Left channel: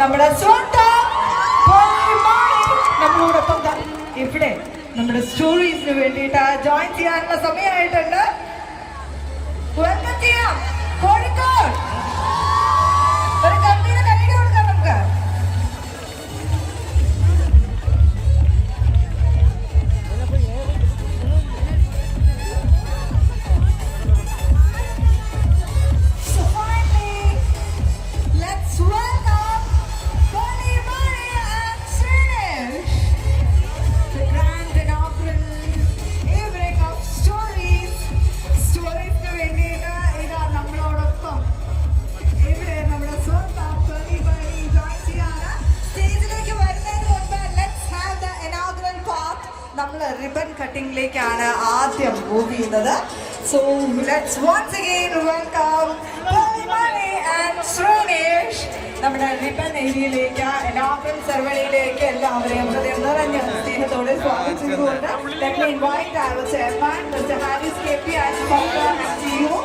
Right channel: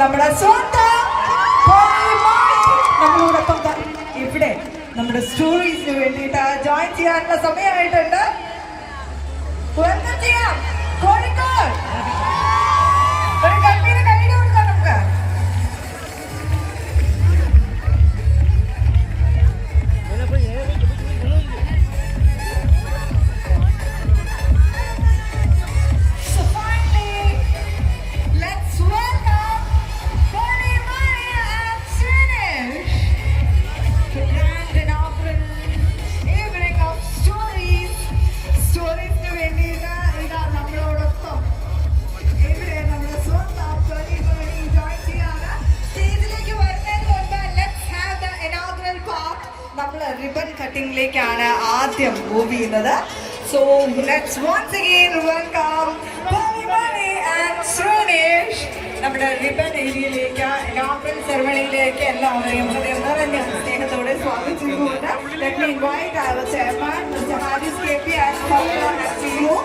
നമ്മുടെ സ്വന്തം നമ്മളോടൊപ്പം ഇവിടെ നമ്മുടെ സ്റ്റോറീസിന് വേണ്ടിയിട്ട് ജോയിൻ ചെയ്യാനുള്ള സമയമായിട്ടുണ്ട്. കോഴിക്കോട് ഒരു കണ്ണീര് കണ്ണീര് കൊടുക്കാം നമുക്ക്. റിബൺ കട്ടിംഗിലേക്കാണ് ആദ്യം മൂവ് ചെയ്യുന്നത്. So let's once again welcome Shreenesh നമ്മുടെ റിബൺ ഏരിയയിലേക്ക്, ഇനോഗ്രൽ സെറമണിയിലേക്ക് എല്ലാവരെയും ഹൃദയം നിറഞ്ഞ സ്നേഹത്തോടെ സ്വാഗതിച്ചുകൊണ്ട് let me invite our chairman Mr. Haris KP as CEO.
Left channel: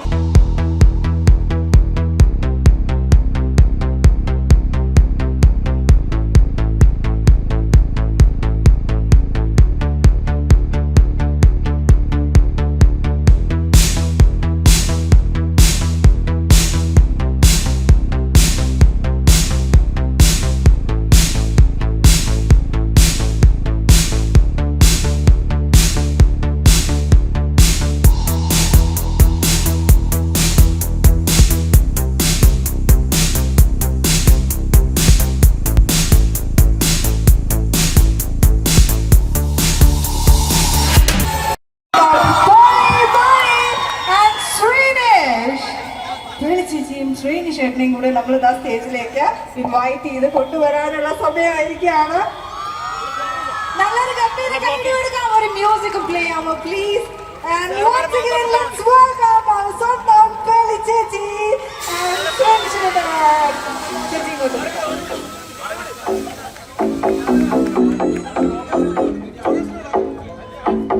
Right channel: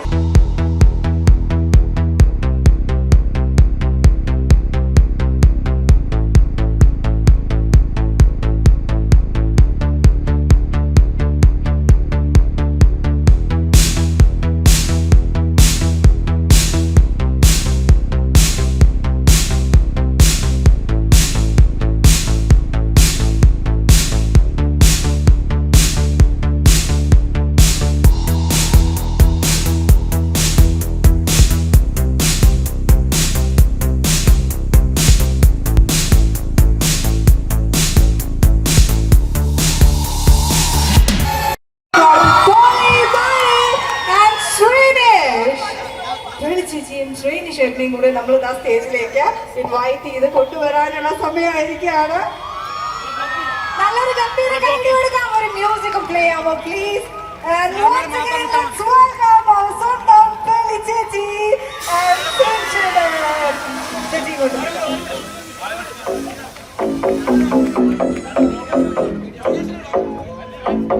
കൂടെ നമ്മൾ ആ സ്റ്റേജിലേക്ക് ഇൻവൈറ്റ് ചെയ്ത് കൊണ്ടുവരാനുള്ള സമയമായിരിക്കുകയാണ്. നല്ലൊരു ഗംഭീര കൈ കൊടുക്കാം, ഒരു മ്യൂസിക് പ്ലേ ആവുക പ്ലീസ്.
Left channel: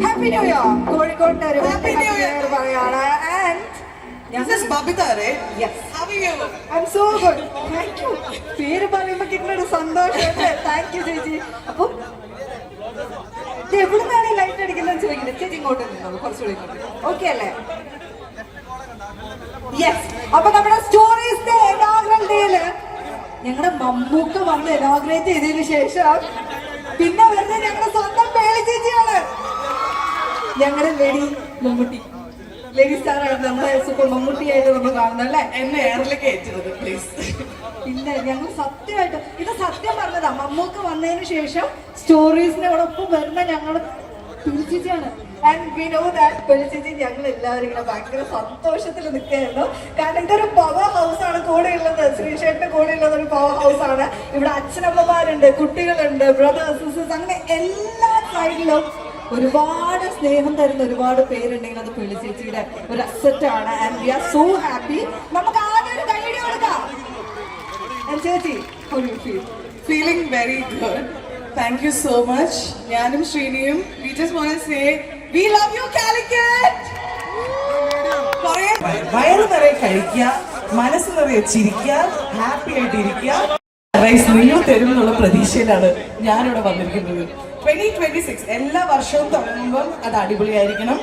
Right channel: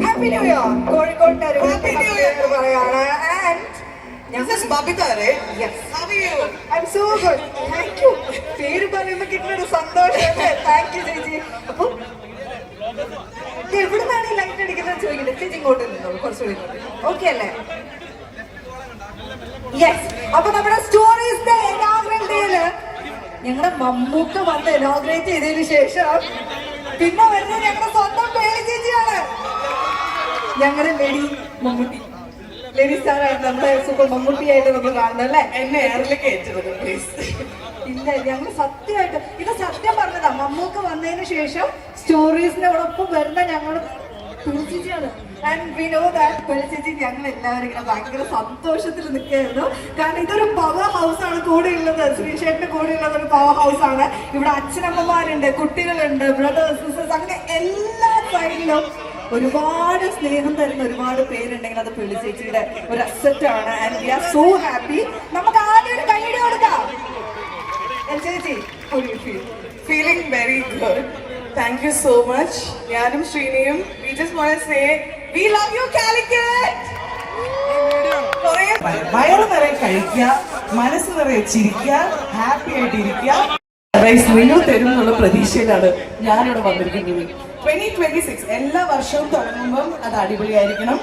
ഹാപ്പി ന്യൂ ഇയർ കോഴിക്കോട്ടെ പറയാണ്. I'm so good. Thank you. പേര് പറയുമ്പോ കിട്ടുന്നൊരു സന്തോഷം. താങ്ക് യു ചേച്ചി. അപ്പൊ എവിടുന്നാണ് ഈ ലൈറ്റ് അടിക്കുന്നത് ചോദിക്കുന്നത്? ചേച്ചി ഇങ്ങോട്ട് നിന്നോളൂ, കുറച്ചുകൂടി ഓക്കെ അല്ലേ? യെസ്. അപ്പൊ നമ്മുടെ സ്റ്റോറീസിന്റെ ഇനോഗ്രൽ ഡേയില് ഞങ്ങളുടെ മമ്മൂക്ക് വന്ന് ഇനോഗ്രേറ്റ് ചെയ്തതിനു ശേഷം പിന്നെ വരുന്നത് ഞങ്ങളുടെ സ്വന്തം പേളി ചേച്ചിയാണ്. ഞങ്ങളുടെ ലേഡി മമ്മൂട്ടി, ലേഡി സ്റ്റാറാണ് നമ്മുടെ സൂപ്പർ മമ്മൂട്ടിയായിട്ട് നമ്മൾ കാണുന്നത് അല്ലേ? എന്നെ എയറിലേക്ക് ഏറ്റത് പ്ലീസ്. ഇല്ല, ഞങ്ങൾ സത്യമായിട്ട് ഇത് സത്യം പറഞ്ഞതാ. മമ്മൂക്ക് വന്നതിന് ശേഷം സ്റ്റോറീസിനോടൊപ്പം വരുന്ന ഞങ്ങൾ പിളിച്ചിച്ചാണ്. ആൻഡ് വി നോ ദാറ്റ് പിളിച്ചിച്ച് ഞങ്ങൾ എല്ലാവരും ഇങ്ങനെ ഭയങ്കര സന്തോഷത്തിൽ നിൽക്കുകയായിരുന്നു. കാരണം ഇതൊരു പവർ ഹൗസ് ആണ് കൂടെ ഉള്ളത്. ശ്രീശേഷിന്റെ കൂടെ ഉള്ളത് ഒരു പവർ ഹൗസ് ആണ്. ഇവിടെ അച്ഛനമ്മമാരുണ്ട്, കുട്ടികളുണ്ട്, ബ്രദേഴ്സ്, സിസ്റ്റേഴ്സ്, അങ്ങനെ എല്ലാ സൈഡിലും ഒരുപാട് സ്നേഹം തരുന്ന ഒരുപാട് പേരുണ്ടെങ്കിൽ അത് പിള്ളി ചേച്ചിയുടെ ഒരു അസറ്റ് ആണ്. And we are so happy. നമുക്ക് ആദ്യം ഒരു കൈയ്യടി കൊടുക്കാം. ചേച്ചി feeling very good. Thank you so much. ഞാനും ശ്രീനിയും we just want to say we love you Calicut. വയറ് നിറയെ കഴിക്കുക, മനസ്സ് നിറയെ ചിരിക്കുക, ഹാപ്പി ആയിട്ടിരിക്കുക. നിങ്ങൾ തരും എന്നുള്ള പ്രതീക്ഷയിലാണ് ഞാനിവിടെ വന്നിരിക്കുന്നത്. 2026 എല്ലാ വർഷവും തുടങ്ങുമ്പം അത് അടിപൊളിയായിരിക്കണം.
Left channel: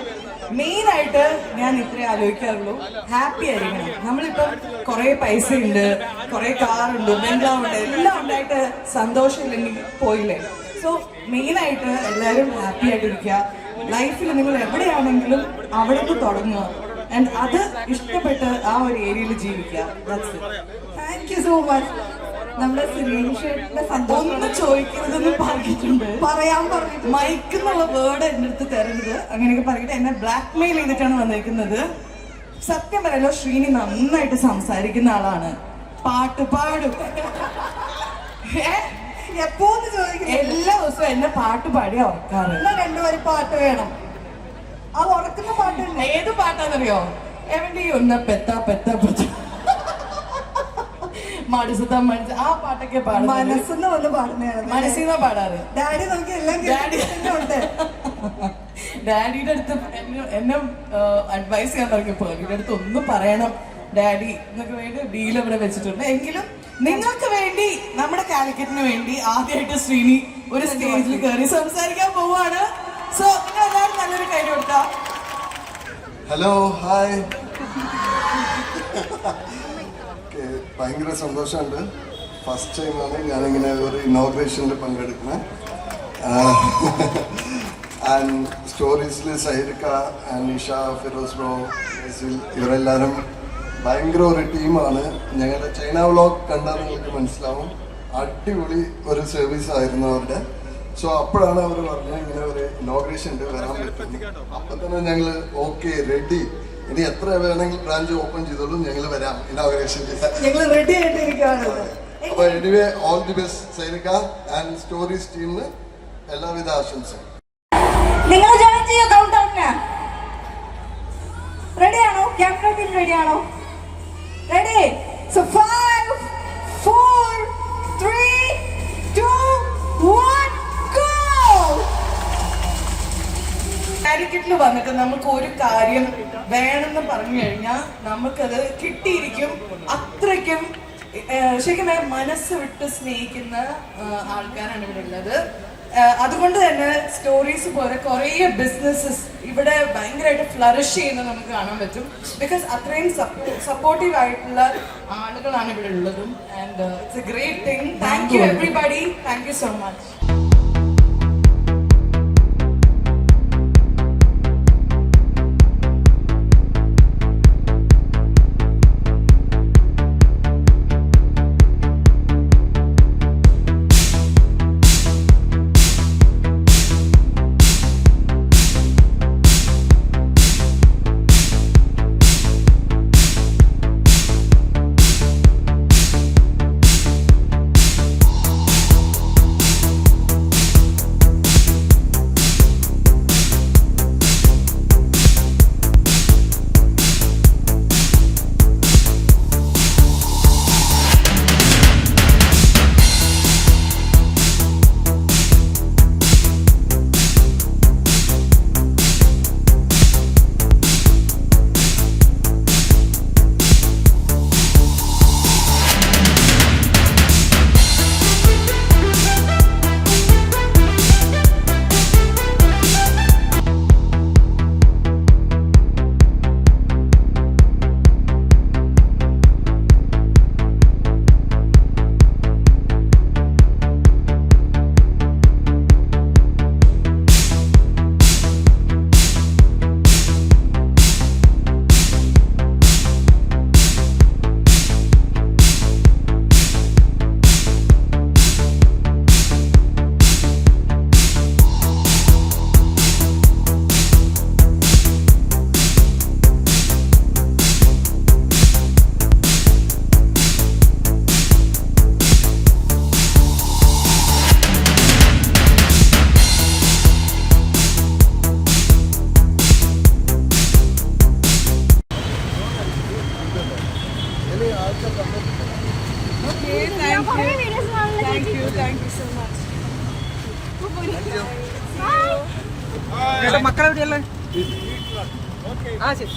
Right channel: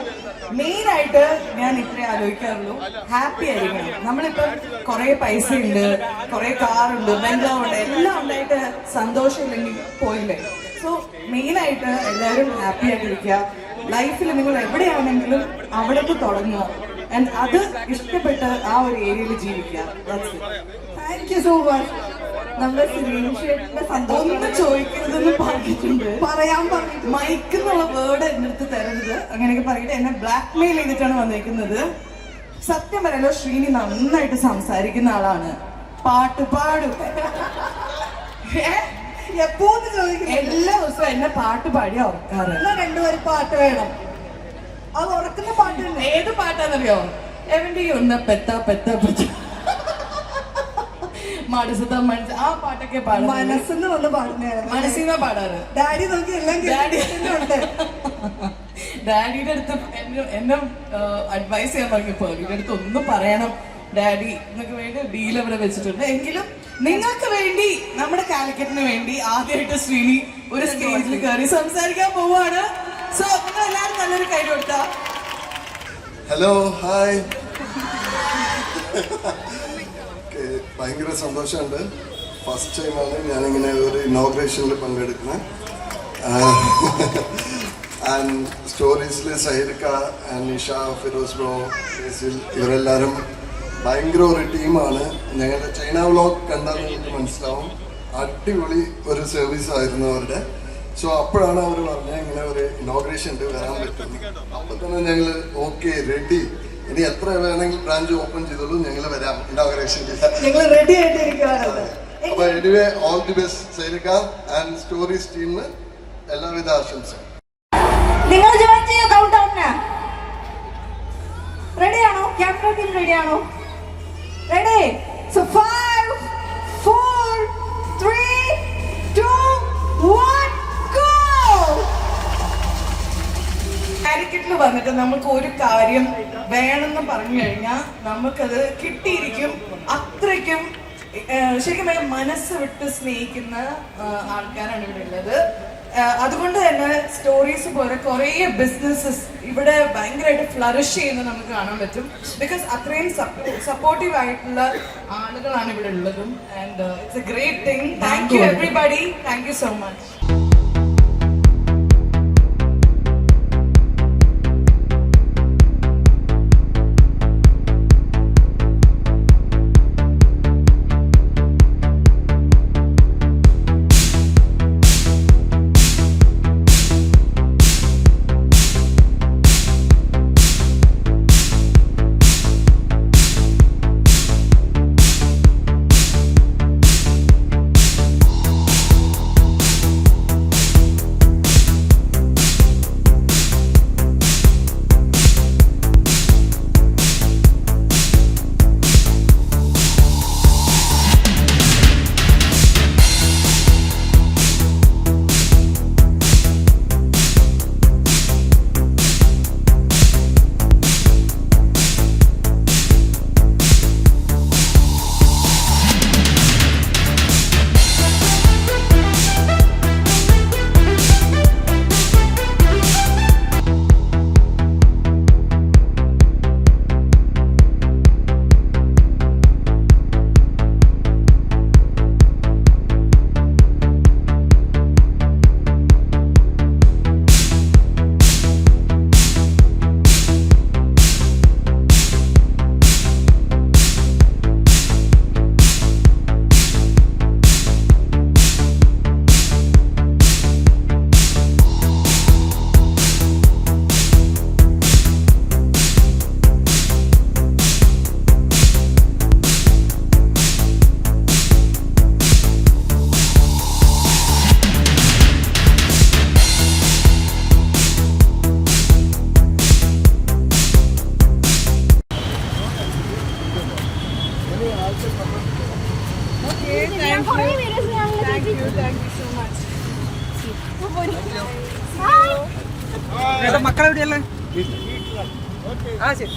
മെയിൻ ആയിട്ട് ഞാൻ ഇത്രേ ആലോചിക്കാറുള്ളൂ, ഹാപ്പി ആയിരിക്കണം. നമ്മളിപ്പം കുറെ പൈസ ഉണ്ട്, കുറെ കാറുണ്ട്, ബംഗ്ലാവുണ്ട്, എല്ലാം ഉണ്ടായിട്ട് സന്തോഷമില്ലെങ്കിൽ പോയില്ലേ. സോ മെയിൻ ആയിട്ട് എല്ലാവരും ഹാപ്പി ആയിട്ടിരിക്കുക. ലൈഫിൽ നിങ്ങൾ എവിടെയാണെങ്കിലും അവിടേക്ക് തുടങ്ങുക. ആൻഡ് അത് ഇഷ്ടപ്പെട്ട് ആ ഒരു ഏരിയയിൽ ജീവിക്കുക. Thank you so much. നമ്മുടെ ശ്രീനിഷേട്ടന്റെ സന്തോഷം ചോദിക്കുന്നതെന്ന് പറഞ്ഞിട്ടുണ്ട്, പറയാൻ പറഞ്ഞു. മൈക്ക് എന്നുള്ള വേർഡ് എന്റെ അടുത്ത് തരരുത്, അങ്ങനെയൊക്കെ പറഞ്ഞിട്ട് എന്നെ ബ്ലാക്ക് മെയിൽ ചെയ്തിട്ടാണ് വന്നിരിക്കുന്നത്. സത്യം പറയല്ലോ, ശ്രീനി നന്നായിട്ട് സംസാരിക്കുന്ന ആളാണ്, പാട്ട് പാടും. എപ്പോന്ന് ചോദിക്കും, എല്ലാ ദിവസവും എന്നെ പാട്ട് പാടി ഉറക്കാറ്. രണ്ടുപേരും പാട്ട് വേണം. അത് ഉറക്കുന്ന പാട്ട് ഏത് പാട്ടാന്നറിയോ? എവന്റെ ഒന്ന് പെത്ത പെത്ത പെത്ത ആ പാട്ടൊക്കെ പാടും. മനസ്സെന്ന് വന്ന് പാടുന്നതാണ്, മനസ്സിനാ പാടാറ്. ഡാഡി നമുക്ക് എല്ലാം ഡാഡിയുടെ അടുത്ത് എന്നെ അഡ്വൈസ് ചെയ്യാൻ പറഞ്ഞപ്പോ ഇവരുടെ അടുത്ത് ഒന്നും പറയണം, ഡാഡി എന്നൊക്കെ വേണ്ടി ഡീൽ ഇവിടെ വെച്ചിട്ടുണ്ട്. എങ്കിലും നിങ്ങൾക്ക് വേണ്ടി, നമ്മുടെ കാലിക്കറ്റിന് വേണ്ടി ആദ്യമായിട്ട് ശ്രീനി ഒരു സ്റ്റേജിൽ കയറി സംസാരിക്കാൻ പോവാണ്. സോ നിങ്ങൾ എല്ലാവരും നല്ലൊരു കൈ കൊടുത്താ. Hello, hi. ഭയങ്കര സന്തോഷമുണ്ട്. ഫസ്റ്റ് ടൈമാണ് ഞാനിങ്ങനെ ഒരു ഇനോഗ്രേഷനിൽ പങ്കെടുക്കുന്നത്. ആൻഡ് സ്റ്റോറീസിൽ സഹിർക്ക, നിഷ, ഫിറോസ് ബ്രോ, ഇവരെല്ലാവരും ഭയങ്കര ഒരു ടീമാണ്. ഞങ്ങളുടെ ചൈന വ്ലോഗ് കണ്ടാൽ നിങ്ങൾക്ക് മനസ്സിലാവും, അടിപൊളി ഒരു സർവീസ് ആയിരുന്നു അവരുടെ. സോ അപ്പോഴാണ് അവർ പറഞ്ഞത് ഇങ്ങനെ ഒരു ഇനോഗ്രേഷൻ ഉണ്ട്, വരാൻ പറ്റുന്നു. അപ്പോൾ തന്നെ ഞങ്ങൾ ഓക്കെ, റെഡി, ഇനി എത്ര വേണമെങ്കിലും ബ്രാഞ്ച് ഓപ്പൺ ചെയ്തോളൂ, ഞങ്ങൾ വരാം ഇനോഗ്രേഷനിൽ. നിങ്ങൾ റെഡി ആയിട്ടിരിക്കുകയാണ്. അപ്പോൾ anyway all the best Sainika and stories ടീമിന് എല്ലാവിധ ആശംസകളും. നിങ്ങൾ ജോയിൻ ചെയ്യോ കൗണ്ട് ഡൗണിന്? റെഡിയാണോ? ക്യാമറ ടീം റെഡിയാണോ? റെഡി? So 5 4 3 2 1 go. കാലിക്കറ്റിൽ വന്നിട്ട് നമുക്ക് ഒരു കാര്യം വേണമെന്ന് പറഞ്ഞു കഴിഞ്ഞാൽ നമുക്കത് കിട്ടിയിരിക്കും. അത്രയ്ക്കും ശരിക്കും മനസ്സ് വിട്ട് സ്നേഹിക്കുന്ന ആൾക്കാരാണ് ഇവിടെ ഉള്ളത്. അതുകൊണ്ട് തന്നെ സ്റ്റോറീസ് പോലെ കുറേ ബിസിനസ്സസ് ഇവിടെ ഭയങ്കരമായിട്ട് ഫ്ലറിഷ് ചെയ്യുന്നത് നമുക്ക് കാണാൻ പറ്റും. ബിക്കോസ് അത്രയും സപ്പോർട്ടീവ് ആയിട്ടുള്ള ആളുകളാണ് ഇവിടെ ഉള്ളതും. And it's a great thing. Thank you everybody. Thank you so much. മക്കളെവിടെയല്ലേ? ആ ശരി.